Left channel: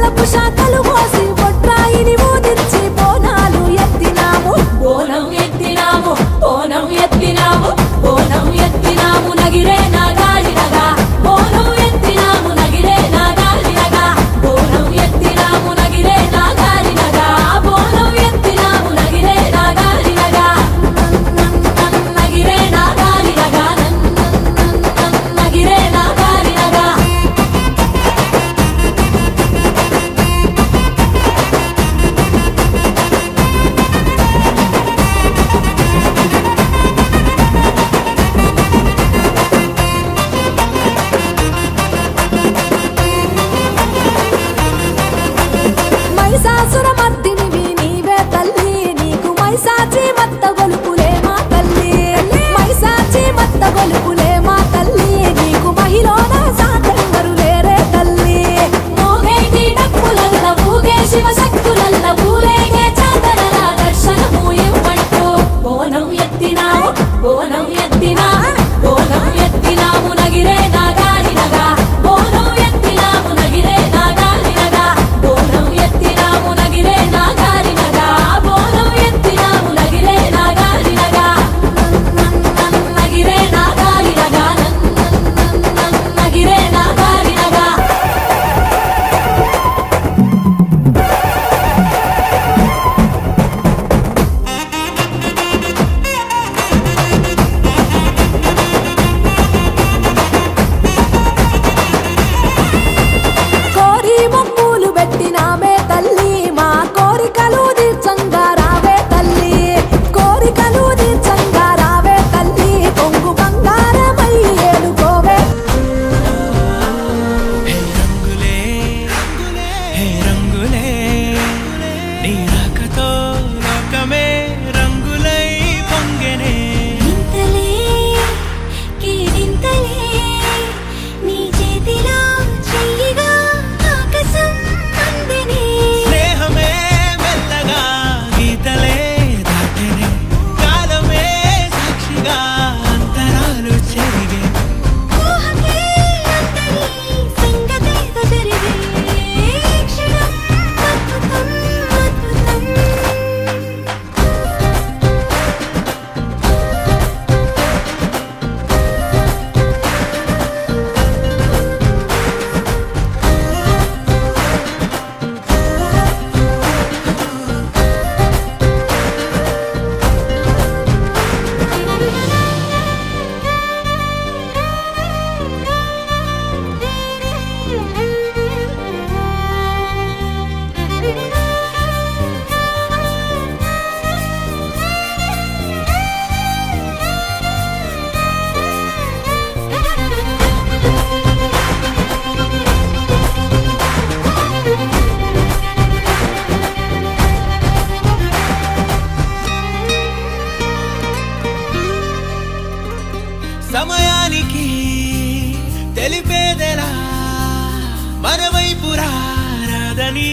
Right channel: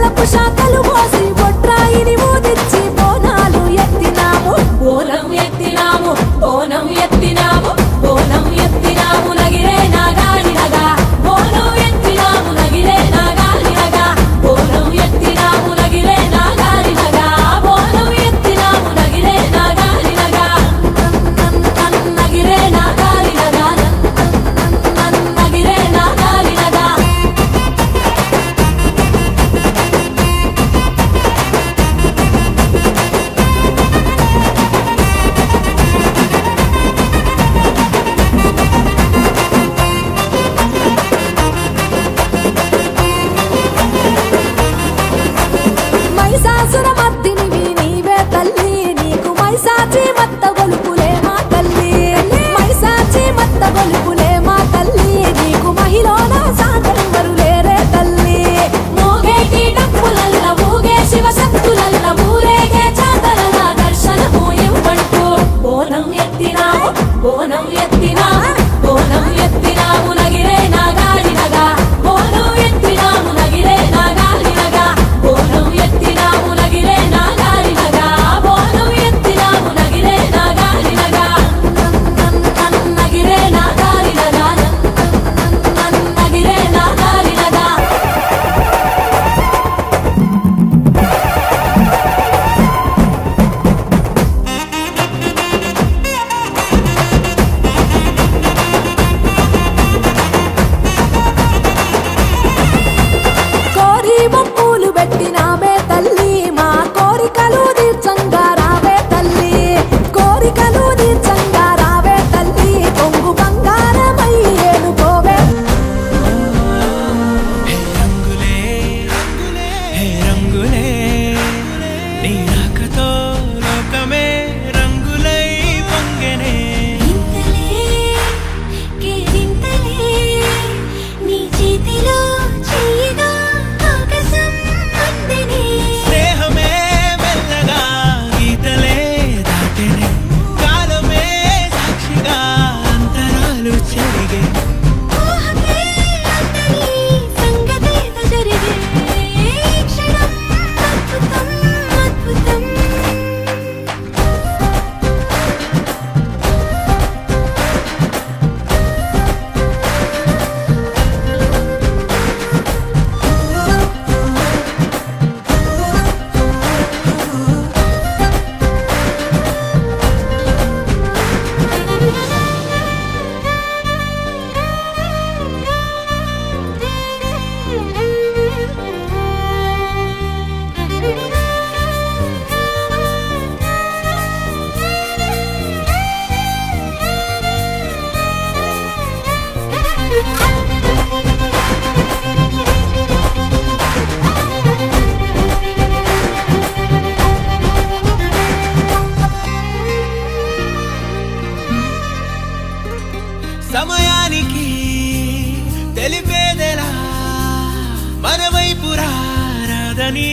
బెల్లపు శాఖలు పోసి బొట్రాయిని ఊదిచ్చి బోనాలు ఎత్తినాము బోనం ఎత్తినాము బోనం ఎత్తినాము బోనం ఎత్తినాము నగిరే నాగాలినగా బోనం ఎత్తినాము నగిరే నాగాలినగా బోనం ఎత్తినాము నగిరే నాగాలినగా బోనం ఎత్తినాము నగిరే నాగాలినగా నగిరే నాగాలినగా నగిరే నాగాలినగా మైసాసురమర్దినివి నీవే తల్లి నీకు మైసాచి మత్త గొలుపులే మా తల్లి మైసాచి మత్త గొలుపులే మా తల్లి నీకు మహిళన సాటెవ్వరు లేరే తల్లి మోగేటి డప్పులల్ల ఊగే శివశక్తులల్ల ఊరేగే జాతరల దర్శనము ఇవ్వంటూ బోనం ఎత్తినాము బోనం ఎత్తినాము బోనం ఎత్తినాము నగిరే నాగాలినగా బోనం ఎత్తినాము నగిరే నాగాలినగా బోనం ఎత్తినాము నగిరే నాగాలినగా బోనం ఎత్తినాము నగిరే నాగాలినగా నగిరే నాగాలినగా నగిరే నాగాలినగా కోరి మొక్కులు పెట్టినామే తల్లి మా కోరికలు తీర్చంగా రావే తల్లి కోరికలు తీర్చంగా రావే తల్లి కొంగు బంగారమై ఏలుకోవే హే రంగులే హే రంగులే నీ రాకతో లోకమే రంగులై పొంగెనే ఇంతలే కేరింతలే నీ చేతిలో చెయ్యగా ఆకాశం అందనే స్నేహమే మెల్లగా గీతలే దాటెనే కాలమే సాక్షిగా అంతరాలు చెరిగే ఊహకే అందరి సంగతేదో జరిగే ఈ క్షణం అద్భుతం అద్భుతం సమయానికి తెలిపేదెలా మన వైపు రాదని